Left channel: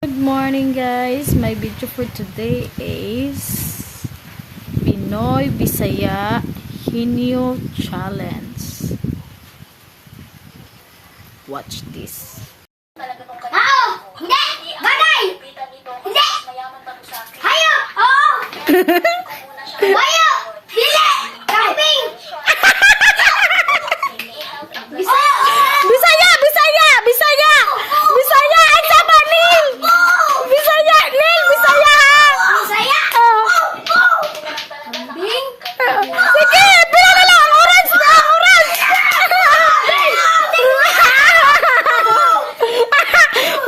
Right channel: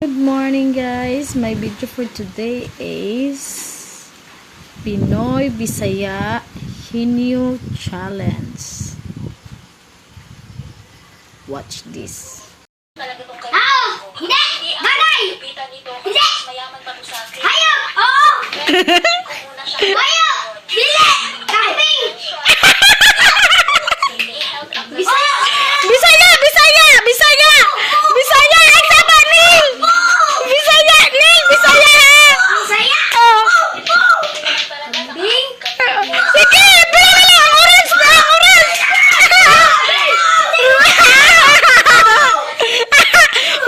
Good morning guys, my video for today is Pinoy Bisaya Hinyo Challenge. Watch this. Hindi! Bagay! Hindi! Hayo! Oo! Hayo! Hindi! Kambing! Bisaya! Bisaya! Bisaya! Bisaya! Bisaya! Ay sama Nil! Bisaya! Nil! Bisaya ha! Bisaya! Oh. Kambing! Sige! Pila na lang! Orange na! Orange!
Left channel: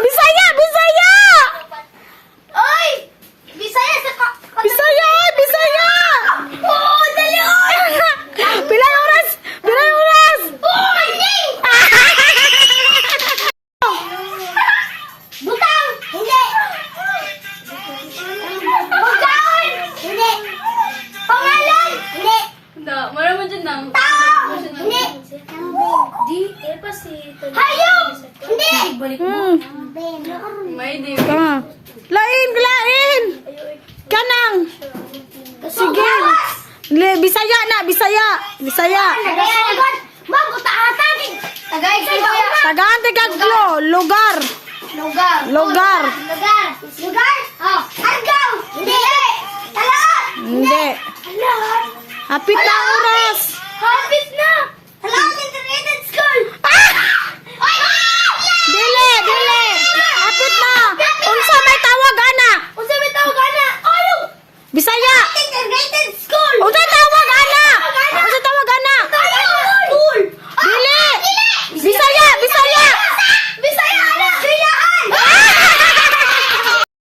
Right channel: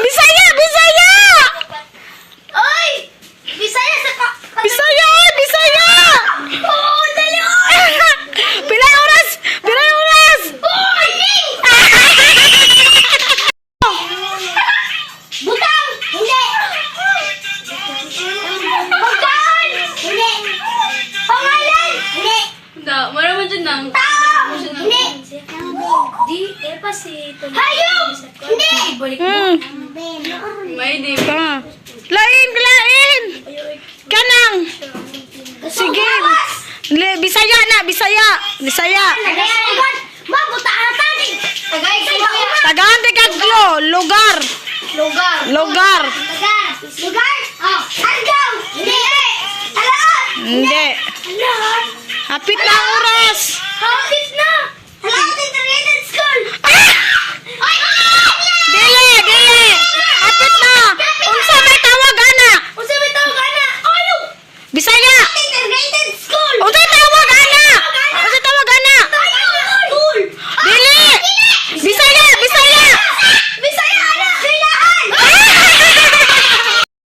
Bisaya! Bisaya! Oy! Bisaya sa ka... Bisaya! Bisaya! Oo! Dali! Pilay oras! Pilay oras! Oo! Hindi! Butang! Hindi! Pagkaon! Hindi! Pangalan! Hindi! Maraman dyan lang. Tao! Hindi! Di, pa si... Hayop! Hindi! May di. Lain! Lain! Kanang! Sige! Bisaya na! Bisaya! Bisaya! Tagay! Mabutaatan! Tagay kayo! Tagaan Tigaglo! Lugar! Lugar! Lugar! Lugar! Lugar! Oh! Argaw! Hindi! Talaan! Hindi! Talaan! Hapit na ang oras! Hapit na! Talaan! Integrated School! Ah! Ay! Dili! Dili! Hapit na! Unsa may tawag ana! Unsa may tawag ana? Ano? Bisaya! Integrated School! Unsa tawag ana! Unsa tawag ana! School! Dili! Bisaya! Bisaya! Bisaya! Ano? Silahan!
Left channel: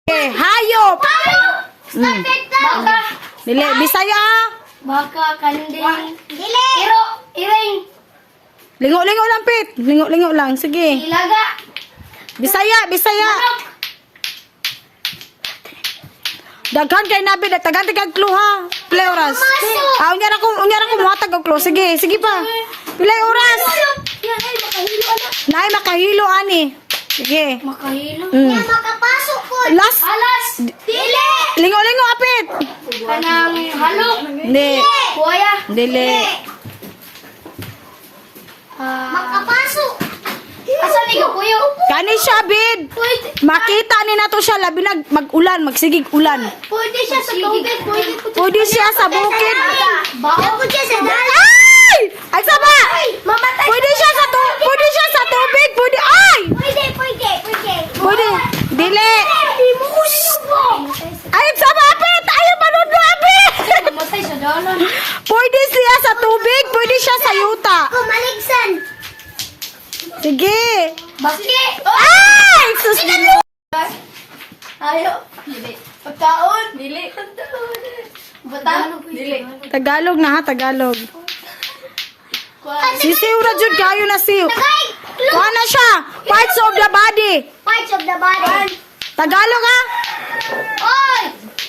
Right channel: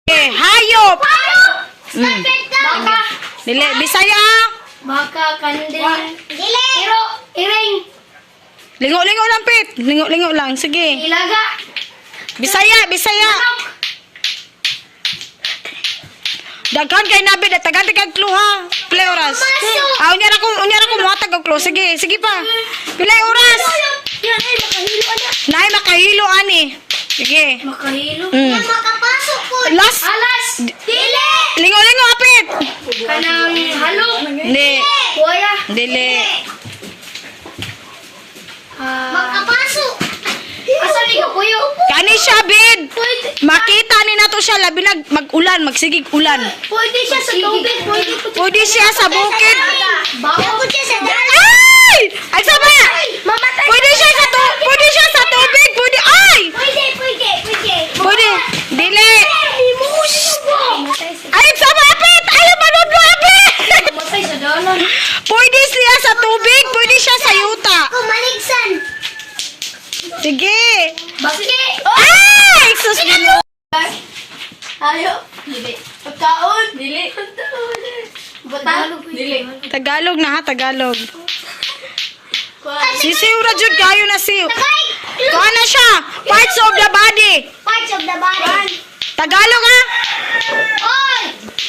Eh, hayop! Stupid ka! Baka! Dili! Bisaya! Baka kandil. Dili! Iro! Iring! Lingo-lingo lang, Pit! Lingo-lingo lang. Sige. Ilaga! Bisaya! Bisaya! Manok! Daghan kay nabi na tagan kay clue ha. Pilay oras. Masok! Ah, unya ra ko muhatag og clue. Sige, sige pa. Pilay oras. Yan ay makahilo na. Nay makahilo ani. Sige. Makahilo? Mm. Yan makapasok po. Last. Alas! Dili! Lingo-lingo apit. Kanang halo. Hindi. Kuya. Dili. Makapasok. Asa ni ko kuya? Kani siya bid. Pwede. Makita ni nato siya labi nag mag-ulan, magsigig ulan. Pwede siya sa tubig. Pwede siya sa bukid. Baka po siya sa dagat. Ay! Ay sama. Mamatay. Pwede siya sa pwede siya sa tubig. Pwede ay. Pwede. Pwede. Dili. Limusin mo. Ay sama apit. Ayaw manood mo apit. Mamatay sa dalan. Pwede siya sa tubig, pwede siya sa yuta. Kumaligsan. Sige. Bakit? Ay! Sus! Ayo. Dili. Pagkaon. Dili. Butang. Dili. Tagalog na ha, Tagalog. Sisiw ra jud kayo na siw. Tagay. Kuha na siya. Parts of the body. Parts of the body. Tagalog ha? Oy!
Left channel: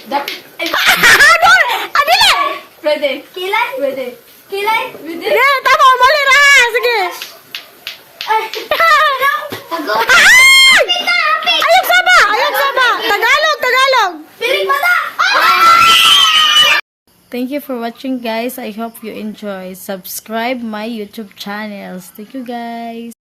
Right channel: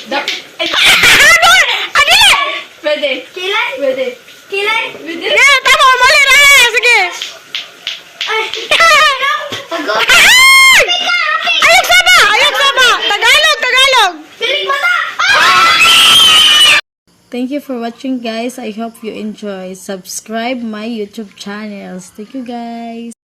Ano? Adili! Pwede. Kilay? Pwede. Kilay? Hindi, tama. Mali ra. Sige. Ay! Pagod! Ay! Ayok sama! Ayok sama! Tagalog! Tagalog! Piring mata! Thank you for watching guys. I hope you enjoy. Subscribe my YouTube channels. Thank you guys.